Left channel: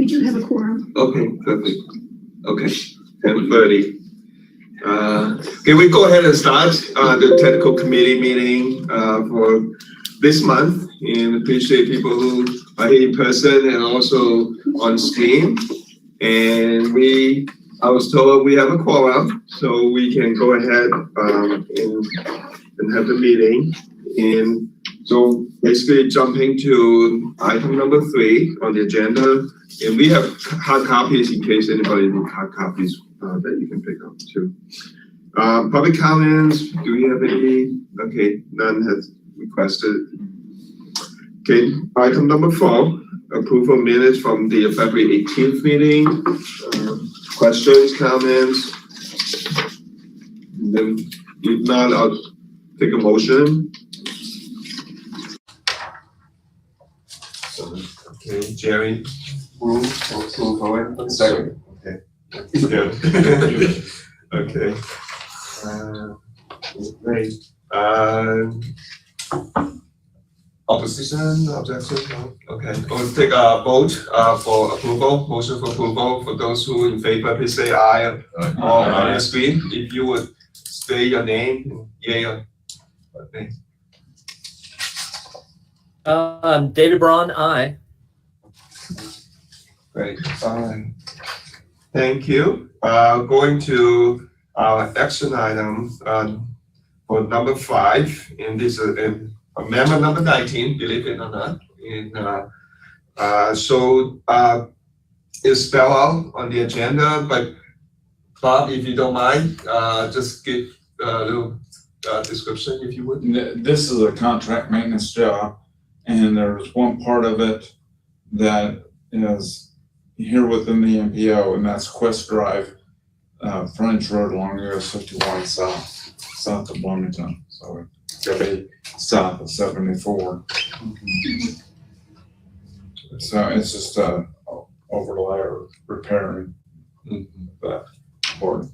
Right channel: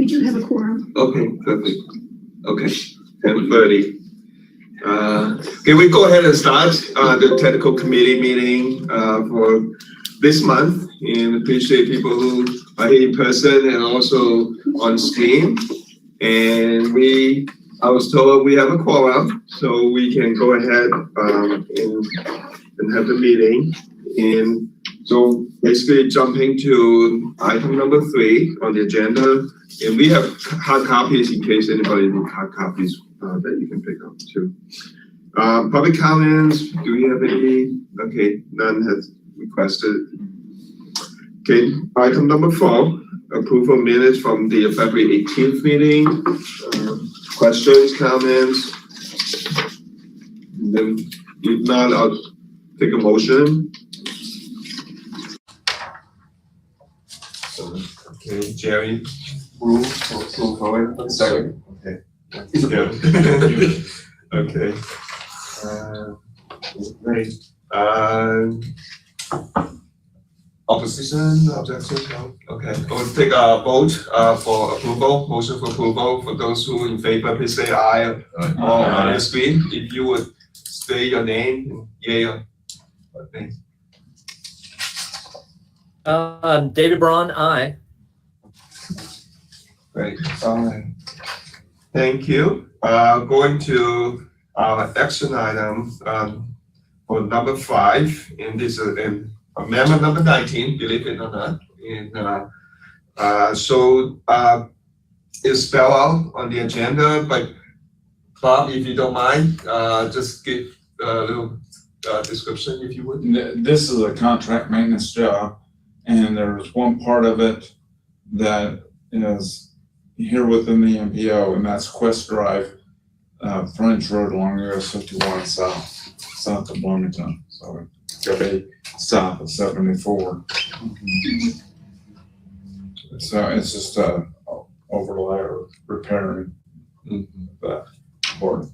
We do have a quorum. Okay, perfect. Okay, 10:30. Can we go ahead and start the technical committee meeting for this month? And appreciate people who are here in person and also on screen. And I was told we have a quorum, so we can go ahead and have the meeting. And so basically jumping to item number 3 on the agenda. And we have hard copies in case anybody needs hard copies that you can pick up too. Public comments, do we have any? Okay, none has requested. Okay, item number 4, approval minutes from the February 18th meeting. Questions, comments? And then if not, I'll take a motion. Okay, Jerry, move forward. Second. Okay. Yeah. Okay. Great. Opposition, objection, no? Okay, we'll take a vote for approval, motion for approval. For those who in favor, please say aye on the screen. If you would say your name, yay or nay. David Braun, aye. Great, fine. Thank you. Going to our action item for number 5, and this is amendment number 19, believe it or not. And so it's spelled out on the agenda, but Bob, if you don't mind, just give a little description if you would. This is a contract maintenance job, and there's one part of it that is here within the MPO, and that's Quest Drive, frontage road along US 51 south of Bloomington. So it's gonna be south of 74. So it's just overlay or repairing that board.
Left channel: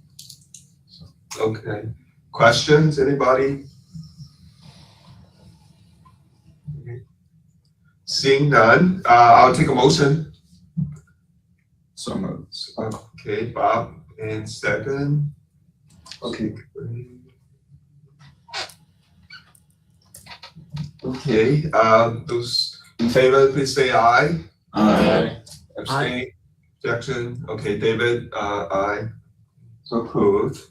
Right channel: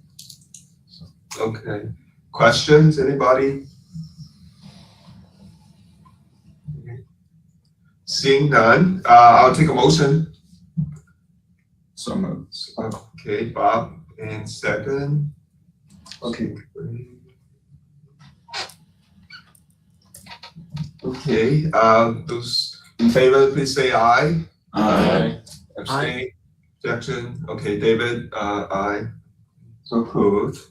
So. Okay. Questions, anybody? Okay. Seeing none, I'll take a motion. So moved. Okay, Bob, and second. Okay. Okay, those in favor, please say aye. Aye. Abstain, objection. Okay, David, aye. So approved.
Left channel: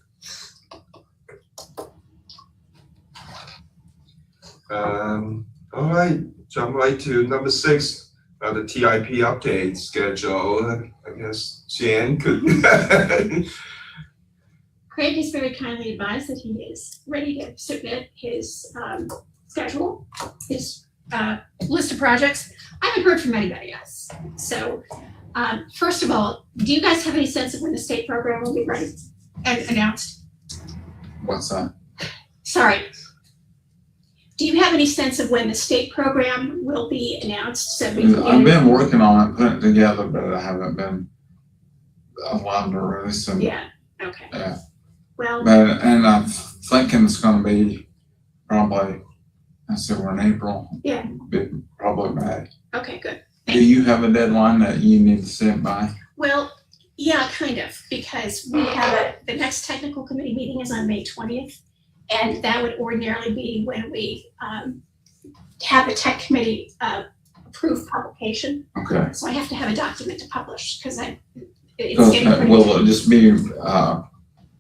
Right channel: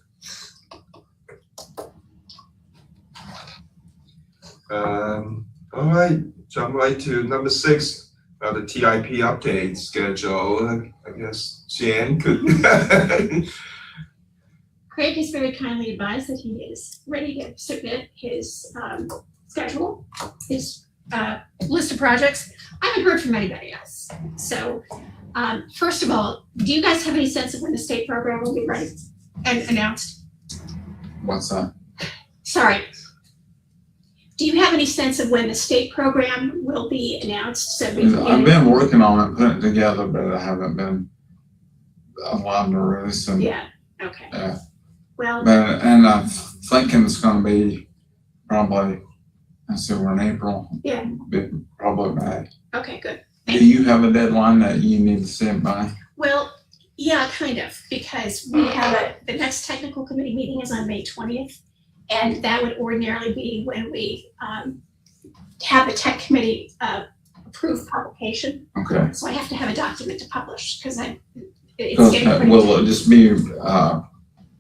All right, jump right to number 6. The TIP update schedule. I guess Jan could. Craig has very kindly advised that he is ready to submit his schedule, his list of projects. I haven't heard from anybody else. So first of all, do you guys have any sense of when the state program will be ready and announced? What's that? Sorry. Do you have any sense of when the state program will be announced? So I've been working on it, putting it together, but I haven't been allowed to release them. Yeah, okay. Yeah. Well, And I'm thinking it's gonna be probably, I said we're in April. Yeah. Probably May. okay, good. Do you have a deadline that you need to stand by? Well, yeah, kind of, because we have the next technical committee meeting is on May 20th. And that would ordinarily be when we have the tech committee approve publication. Okay. So I have to have a document to publish because it's getting pretty. Will it just be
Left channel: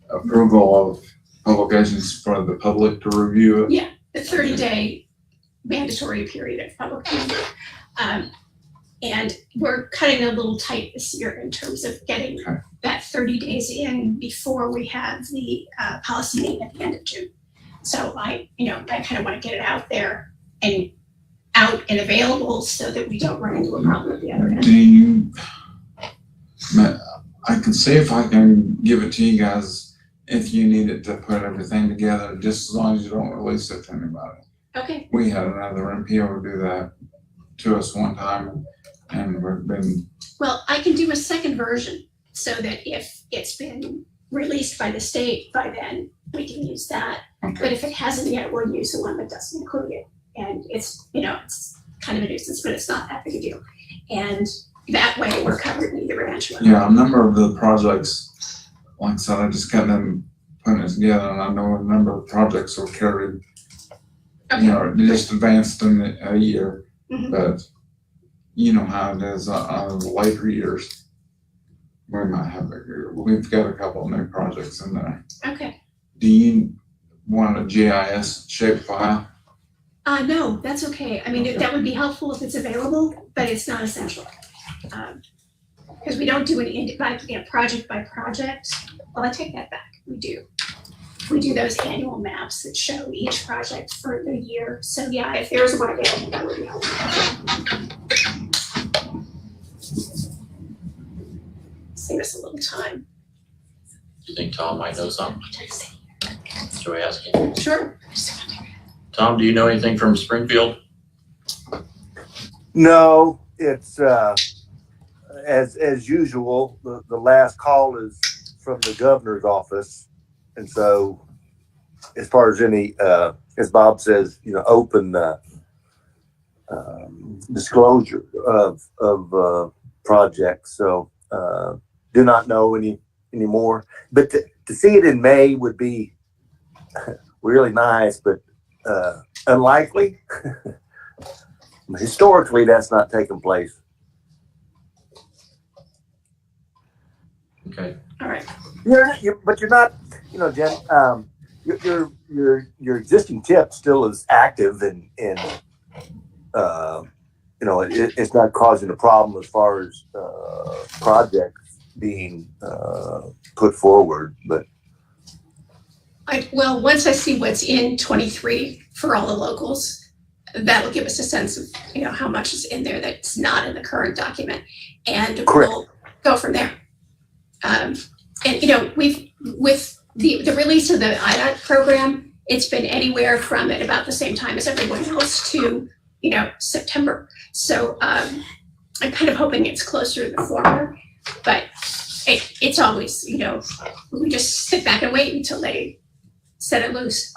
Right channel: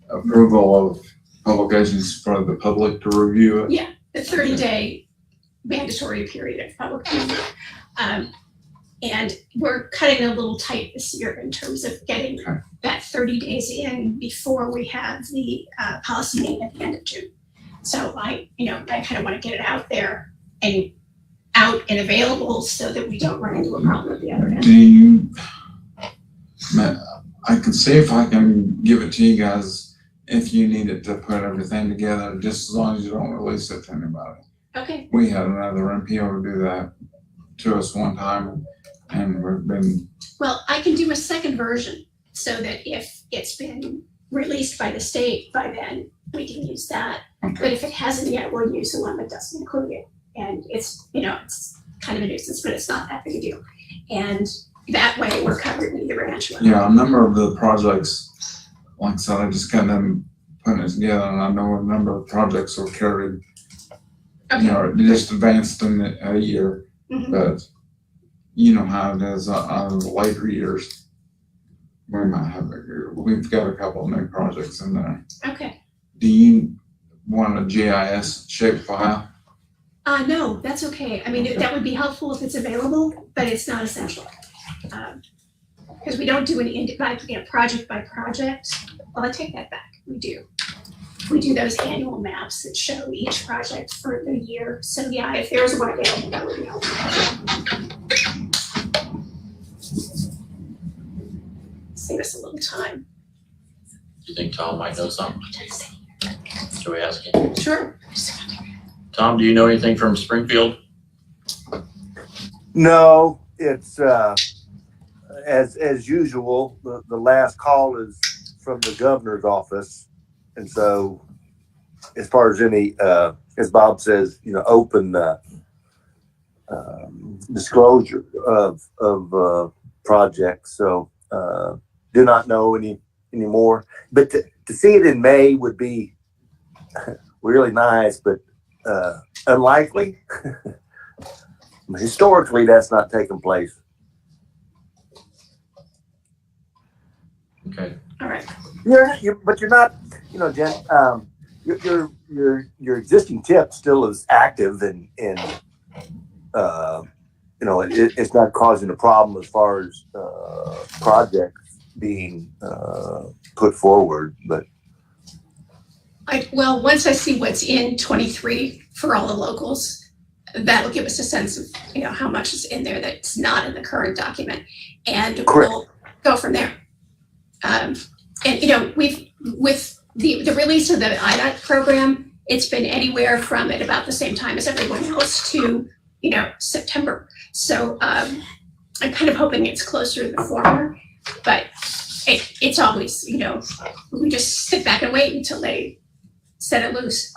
approval of publications for the public to review it? Yeah, the 30-day mandatory period of public review. And we're cutting it a little tight this year in terms of getting that 30 days in before we have the policy meeting at the end of June. So I kind of want to get it out there and out and available so that we don't run into a problem at the other end. I can see if I can give it to you guys if you need it to put everything together, just as long as you don't release it to anybody. Okay. We had another MPO do that to us one time, and we've been. Well, I can do a second version so that if it's been released by the state by then, we can use that. Okay. But if it hasn't yet, we'll use the one that doesn't include it. And it's, it's kind of a nuisance, but it's not that big a deal. And that way we're covered in either branch. Yeah, a number of the projects, like I said, I just got them putting it together, and I know a number of projects were carried, you know, just advanced in a year, Mhm. but you know how it is on the later years. We've got a couple of new projects in there. Okay. Do you want a GIS shape file? No, that's okay. I mean, Okay. that would be helpful if it's available, but it's not essential. Because we don't do any project by project. Well, I take that back. We do. We do those annual maps that show each project for the year. So yeah, if there's one available, that would be helpful. Save us a little time. Do you think Tom might know something? Should we ask him? Sure. Tom, do you know anything from Springfield? No, it's as usual. The last call is from the governor's office, and so as far as any, as Bob says, you know, open disclosure of projects. So do not know any more. But to see it in May would be really nice, but unlikely. Historically, that's not taken place. Okay. All right. But you're not, you know, Jen. Your existing tip still is active, and you know, it's not causing a problem as far as projects being put forward. But Well, once I see what's in 23 for all the locals, that'll give us a sense of, you know, how much is in there that's not in the current document, and Correct. we'll go from there. And you know, with the release of the IDOT program, it's been anywhere from at about the same time as everyone else to, you know, September. So I'm kind of hoping it's closer to the former, but it's always, you know, we just sit back and wait until they set it loose.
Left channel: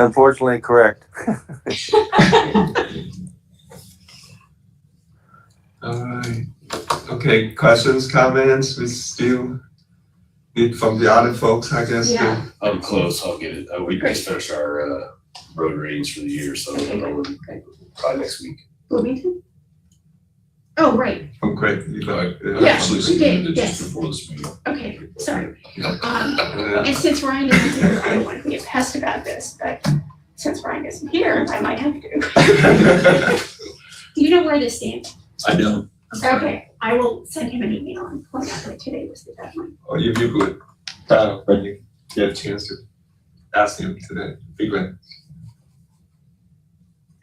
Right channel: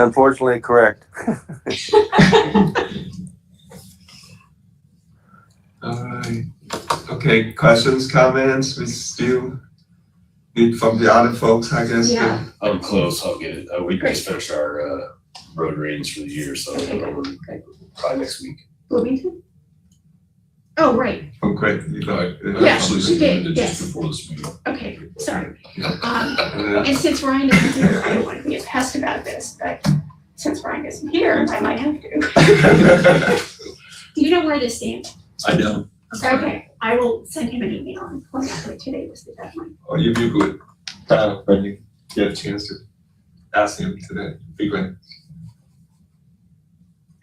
unfortunately, correct. Alright, okay, questions, comments, we still need from the other folks, I guess. Yeah. I'm close, I'll get it. We Great. just finished our road ratings for the year, so Okay, we're good. probably next week. Bloomington? Oh, right. Oh, great, you got, Yeah, Actually we did, submitted yes. just before this meeting. Okay, sorry. Yeah. And since Ryan isn't here, I don't want to be a pest about this, but since Ryan isn't here, I might have to. Do you know where this stands? I don't. Okay, I will send him an email and point out that today was the deadline. Or if you could, when you get a chance to ask him today, be great.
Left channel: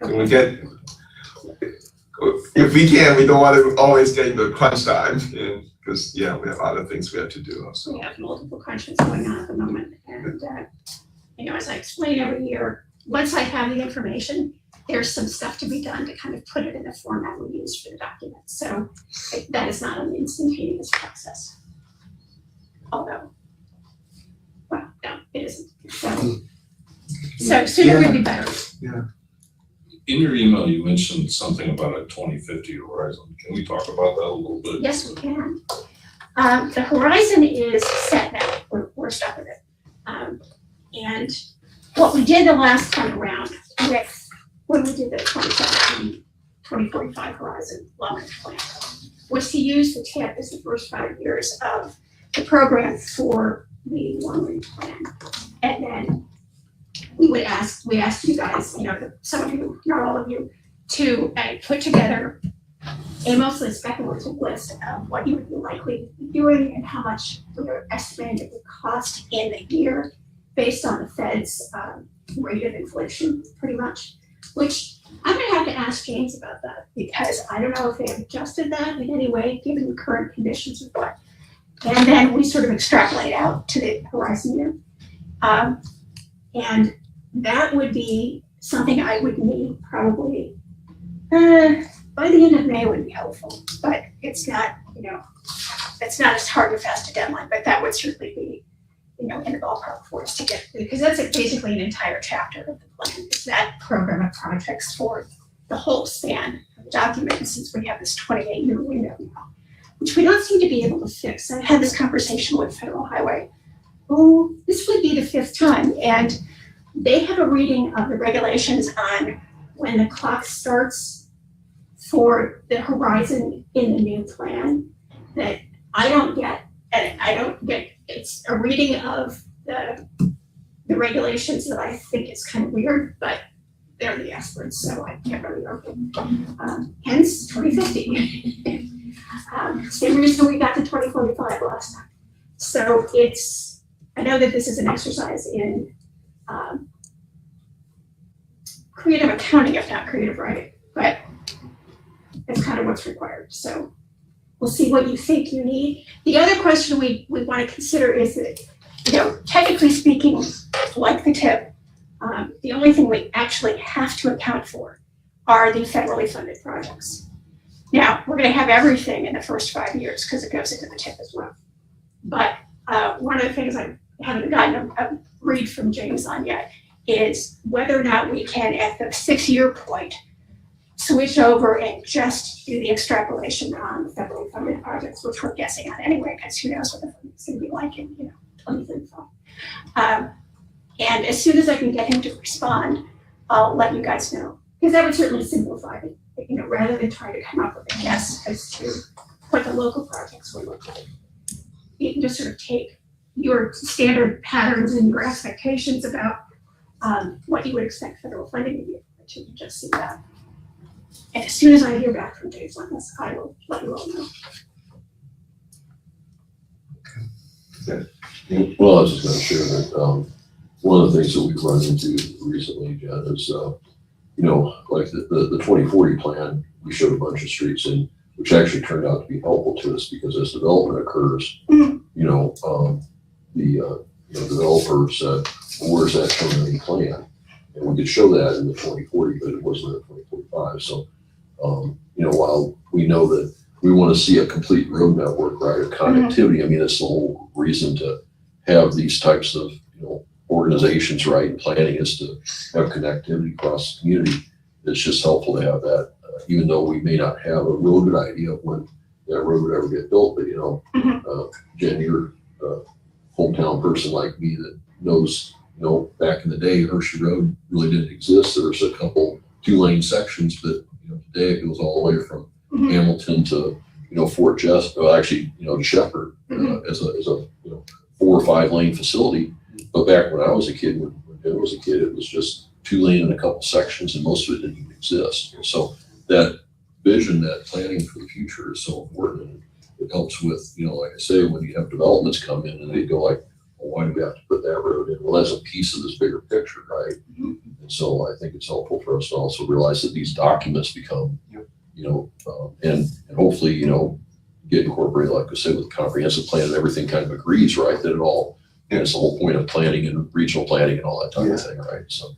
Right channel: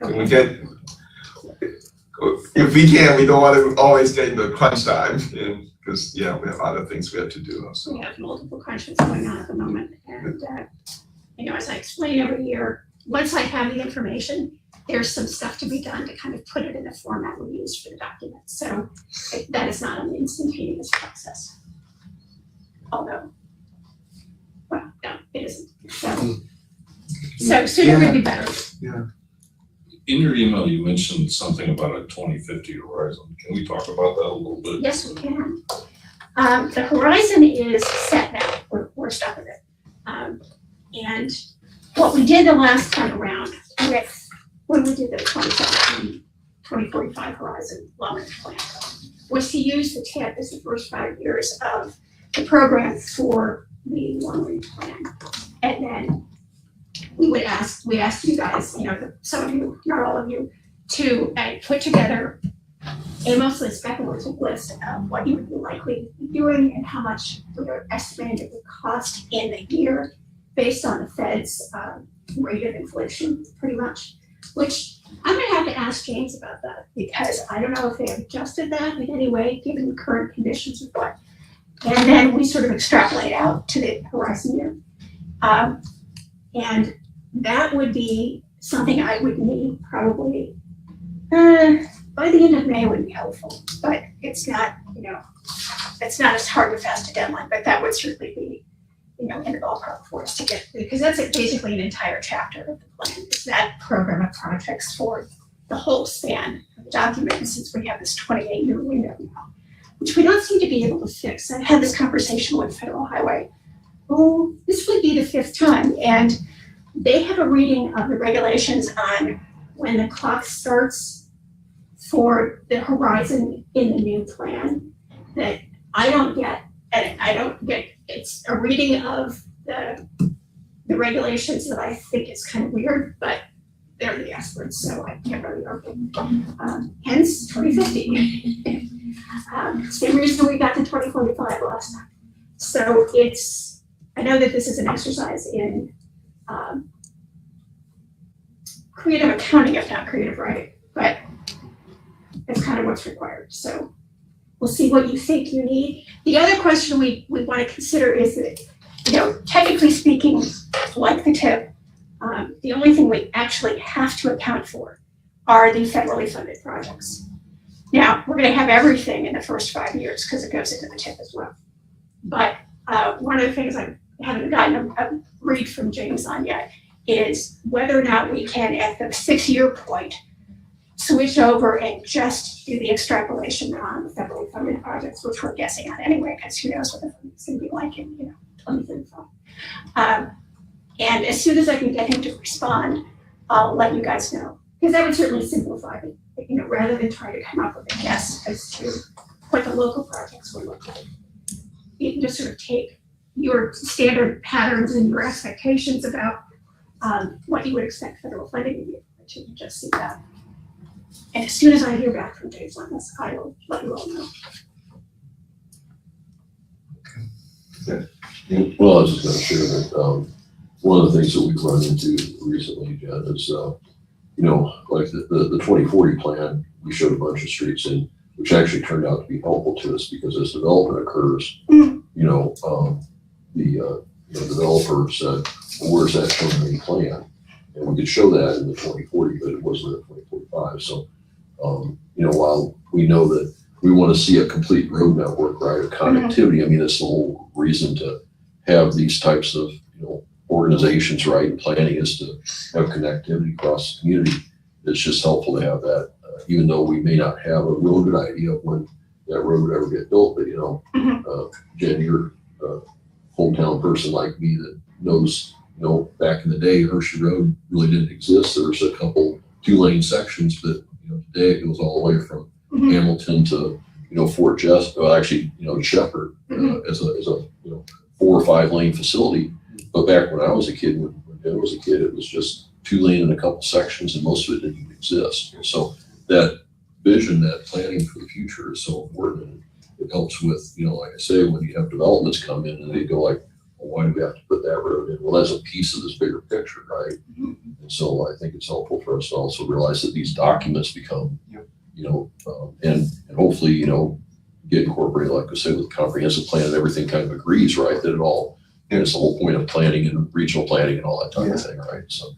Can we get, if we can, we don't want to always get into crunch time, and, because, yeah, we have other things we have to do also. We have multiple crunches going on at the moment, and, you know, as I explain every year, once I have the information, there's some stuff to be done to kind of put it in the format we use for the document. So that is not an instantaneous process. Although, well, no, it isn't. So sooner would be better. In your email, you mentioned something about a 2050 horizon. Can we talk about that a little bit? Yes, we can. The horizon is set now. We're stuck with it. And what we did the last time around when we did the 2017, 2045 horizon long-range plan was to use the TIP as the first 5 years of the program for the long-range plan. And then we asked you guys, you know, some of you, not all of you, to put together a mostly speculative list of what you would be likely to be doing and how much we're estimating it would cost in the year based on the Fed's rate of inflation, pretty much. Which I'm gonna have to ask James about that, because I don't know if they have adjusted that in any way, given the current conditions of what. And then we sort of extrapolate out to the horizon year. And that would be something I would need probably, by the end of May would be helpful, but it's not, you know, it's not as hard and fast a deadline, but that would certainly be, you know, in the ballpark for us to get, because that's basically an entire chapter of the plan. It's that program of projects for the whole span of the document since we have this 28-year window now, which we don't seem to be able to fix. I had this conversation with Federal Highway. Oh, this would be the 5th time, and they have a reading of the regulations on when the clock starts for the horizon in the new plan that I don't get, and I don't get. It's a reading of the regulations that I think is kind of weird, but they're the experts, so I can't really argue. Hence 2050. Same reason we got to 2045 last time. So I know that this is an exercise in creative accounting, if not creative writing, but it's kind of what's required. So we'll see what you think you need. The other question we want to consider is that, technically speaking, like the TIP, the only thing we actually have to account for are the federally funded projects. Now, we're going to have everything in the first 5 years because it goes into the TIP as well. But one of the things I haven't gotten a read from James on yet is whether or not we can, at the 6-year point, switch over and just do the extrapolation on the federally funded projects, which we're guessing on anyway, because who knows what the funding's going to be like in 2035. And as soon as I can get him to respond, I'll let you guys know, because that would certainly simplify it, rather than try to come up with a guess as to what the local projects will look like. You can just sort of take your standard patterns and your expectations about what you would expect federal funding to be, to just see that. And as soon as I hear back from Dave on this, I will let you all know. Well, I was just gonna share that, one of the things that we've run into recently, Jen, is, like the 2040 plan, we showed a bunch of streets in, which actually turned out to be helpful to us because as development occurs, the developer said, well, where's that shown in the plan? And we could show that in the 2040, but it wasn't in 2045. So, while we know that we want to see a complete road network, right, of connectivity, I mean, it's the whole reason to have these types of, organizations, right, and planning is to have connectivity across the community. It's just helpful to have that, even though we may not have a real good idea of when that road would ever get built. But, Jen, you're a hometown person like me that knows, back in the day, Hershey Road really didn't exist. There was a couple 2-lane sections, but, today it goes all the way from Hamilton to, Fort Jess, actually, to Shepherd as a 4 or 5 lane facility. But back when I was a kid, when Jen was a kid, it was just 2-lane in a couple sections, and most of it didn't even exist. And so that vision, that planning for the future is so important. And it helps with, like I say, when you have developments come in and they go like, well, why do we have to put that road in? Well, that's a piece of this bigger picture, right? And so I think it's helpful for us to also realize that these documents become, and hopefully, get incorporated, like I said, with the comprehensive plan and everything kind of agrees, right? That it all, it's the whole point of planning and regional planning and all that type of thing, right? So.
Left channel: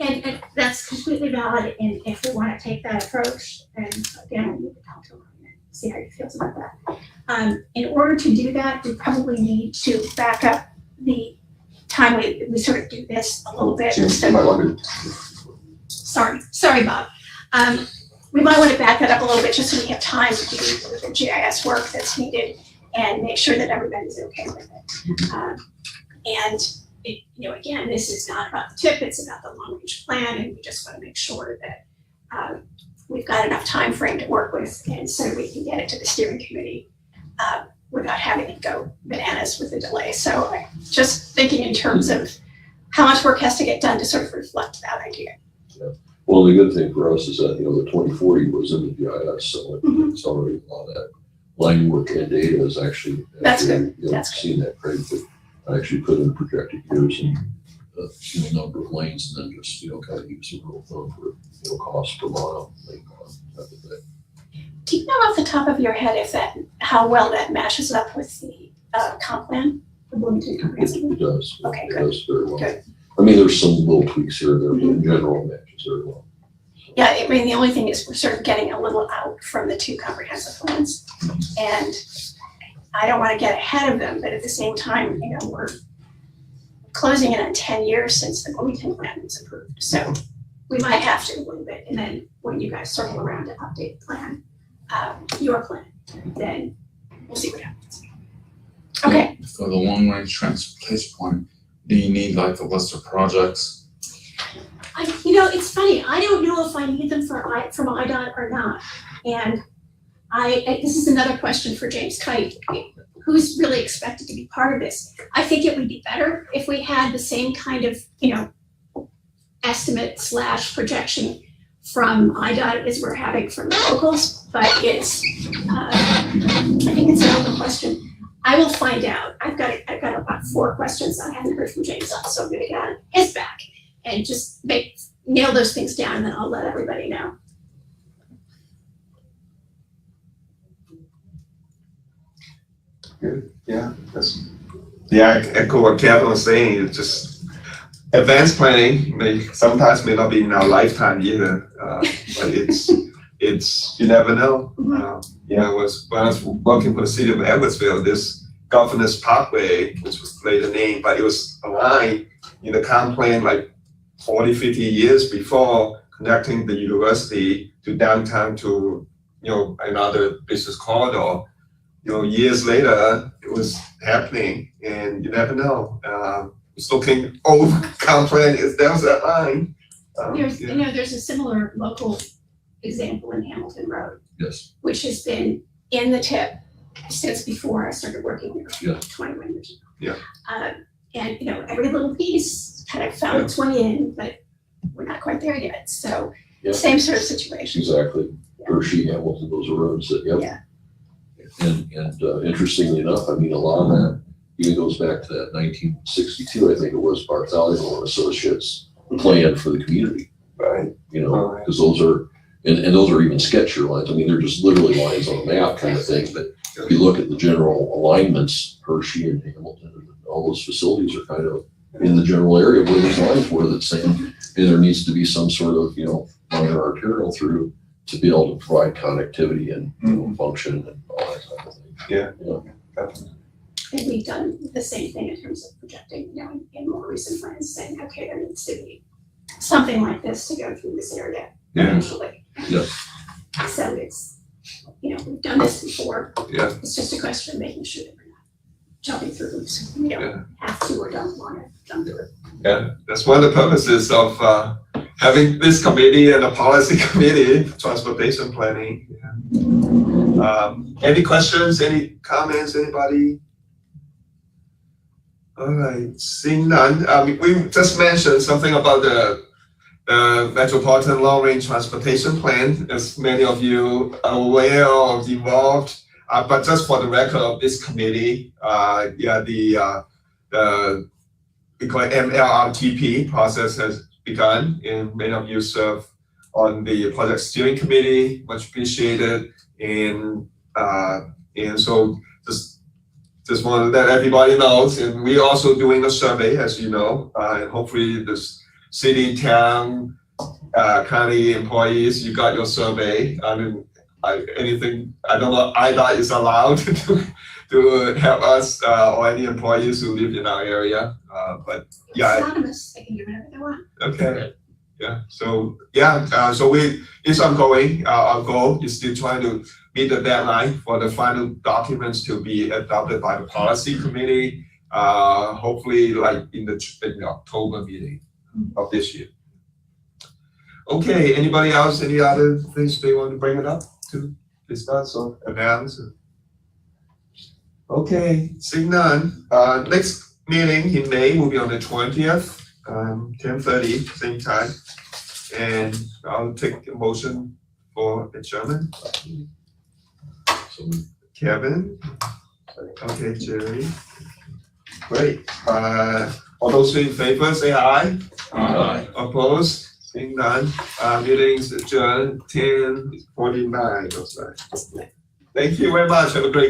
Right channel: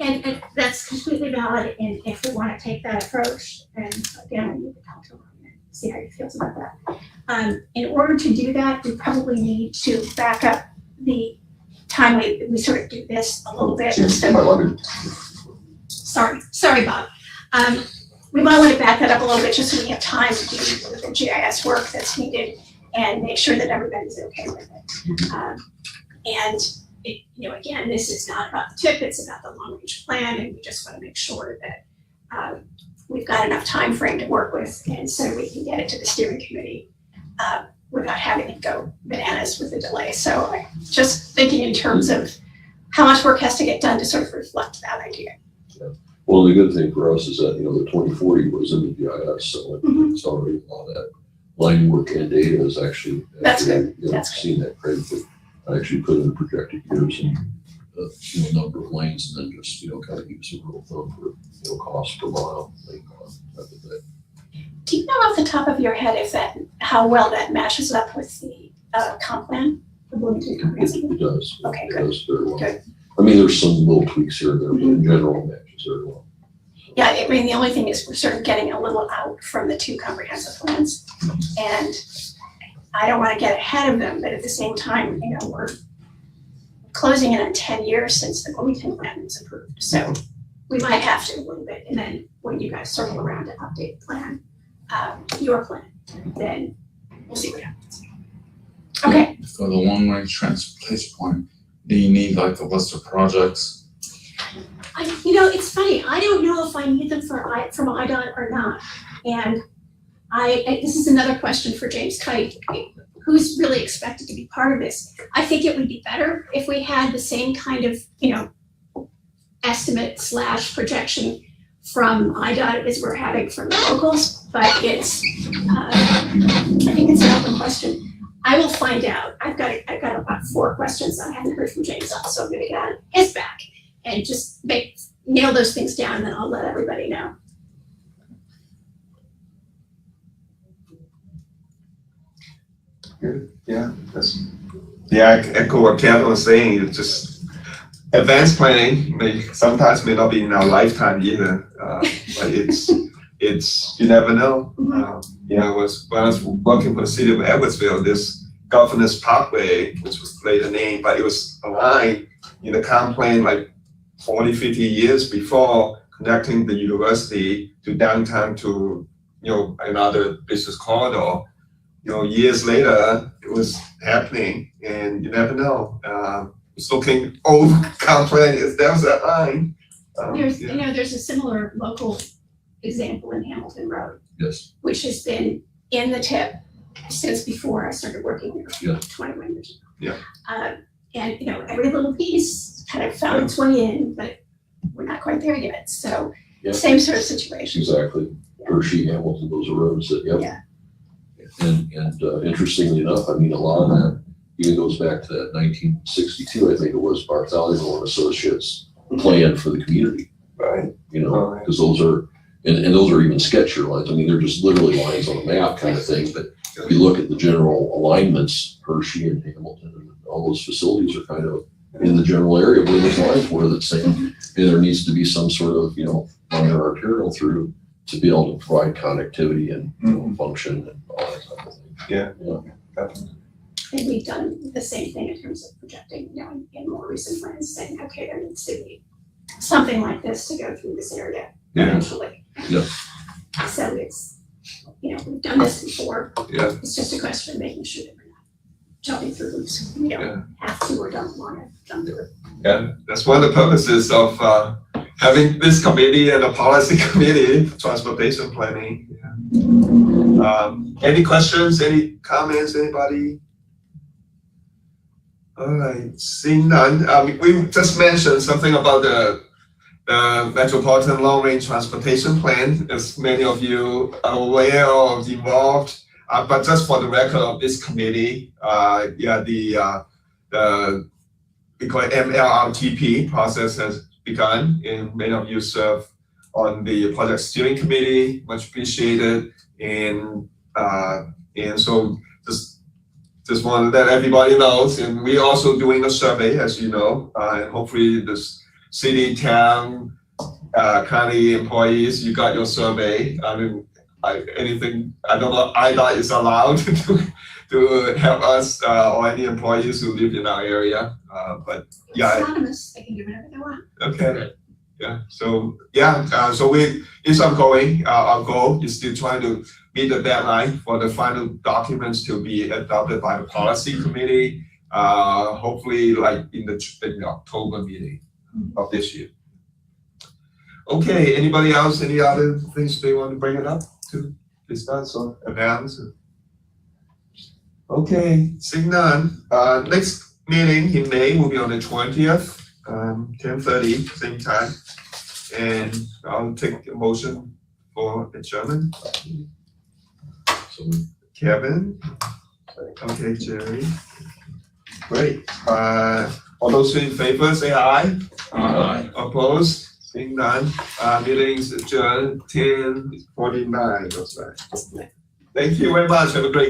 And that's completely valid. And if we want to take that approach, and again, I need to talk to him and see how he feels about that. In order to do that, we probably need to back up the time we sort of do this a little bit. Sorry, Bob. We might want to back that up a little bit just so we have time to do the GIS work that's needed and make sure that everybody's okay with it. Again, this is not about the TIP, it's about the long range plan, and we just want to make sure that we've got enough time frame to work with, and so we can get it to the steering committee without having it go bananas with the delay. So I'm just thinking in terms of how much work has to get done to sort of reflect that idea. Well, the good thing for us is that, the 2040 was in the GIS, so it's already a lot of that line work and data is actually. That's good. Seen that, Craig, but I actually put in projected years and number of lanes, and then just, kind of use a rule of thumb for, cost per mile, lane cost, type of thing. Do you know off the top of your head how well that matches up with the comp plan? The Bloomington comprehensive plan? It does. Okay, it good. does very well. Good. I mean, there's some little tweaks here and there, but in general, it matches very well. So. Yeah, I mean, the only thing is we're sort of getting a little out from the 2 comprehensive plans. And I don't want to get ahead of them, but at the same time, we're closing in on 10 years since the Bloomington plan was approved. So we might have to a little bit, and then when you guys circle around to update the plan, your plan, then we'll see what happens. Okay, For the long range transportation plan, do you need like a list of projects? it's funny, I don't know if I need them from IDOT or not. And this is another question for James Kite, who's really expected to be part of this. I think it would be better if we had the same kind of, estimate / projection from IDOT as we're having from the locals, but it's, I think it's an open question. I will find out. I've got about 4 questions I haven't heard from James on, so I'm gonna get on his back and just nail those things down, and then I'll let everybody know. Good, yeah, I echo what Kevin was saying, it's just advanced planning sometimes may not be in our lifetime either, but it's, you never know. When I was working for the city of Edwardsville, this Governors Parkway, which was later named, but it was a line in the comp plan like 40, 50 years before, connecting the university to downtown to, another business corridor. Years later, it was happening, and you never know. It's looking over comp plan, there was that line. There's a similar local example in Hamilton Road, Yes. which has been in the tip since before I started working there, Yeah. 21 years ago. Yeah. And every little piece kind of found its way in, but we're not quite there yet. So Yeah. same sort of situation. Exactly. Hershey, Hamilton, those are roads that, yep. Yeah. And interestingly enough, I mean, a lot of that even goes back to that 1962, I think it was, Bartholomew and Associates plan for the community, Right. because those are, and those are even sketchier lines. I mean, they're just literally lines on a map kind of thing, but if you look at the general alignments, Hershey and Hamilton, and all those facilities are kind of in the general area where those lines were that same, and there needs to be some sort of, minor arterial through to be able to provide connectivity and function and all that type of thing. Yeah. Definitely. And we've done the same thing in terms of projecting, in more recent plans, saying, okay, there needs to be something like this to go through this area Yeah. eventually. Yeah. So it's, we've done this before. Yeah. It's just a question of making sure that we're not jumping through hoops. We don't have to or don't want to jump through. Yeah, that's one of the purposes of having this committee and a policy committee, transportation planning. Yeah. Any questions, any comments, anybody? All right, seeing none, we just mentioned something about the Metropolitan Long Range Transportation Plan, as many of you are aware or involved. But just for the record of this committee, we call it MCRPC process has begun, and many of you serve on the project steering committee, much appreciated. And so just want to let everybody know, and we're also doing a survey, as you know, and hopefully this city, town, county employees, you got your survey. I mean, I don't know, IDOT is allowed to help us or any employees who live in our area, but yeah. It's anonymous, they can do whatever they want. Okay, so it's ongoing. Our goal is still trying to meet the deadline for the final documents to be adopted by the policy committee, hopefully like in the October meeting of this year. Okay, anybody else, any other things they want to bring it up to discuss or announce? Okay, seeing none, next meeting in May will be on the 20th, 10:30, same time. And I'll take a motion for adjournment. So Kevin? Okay, Jerry. Great. All those in favor, say aye. Aye. Opposed? Seeing none. Meetings adjourned 10:49. Thank you very much. Have a great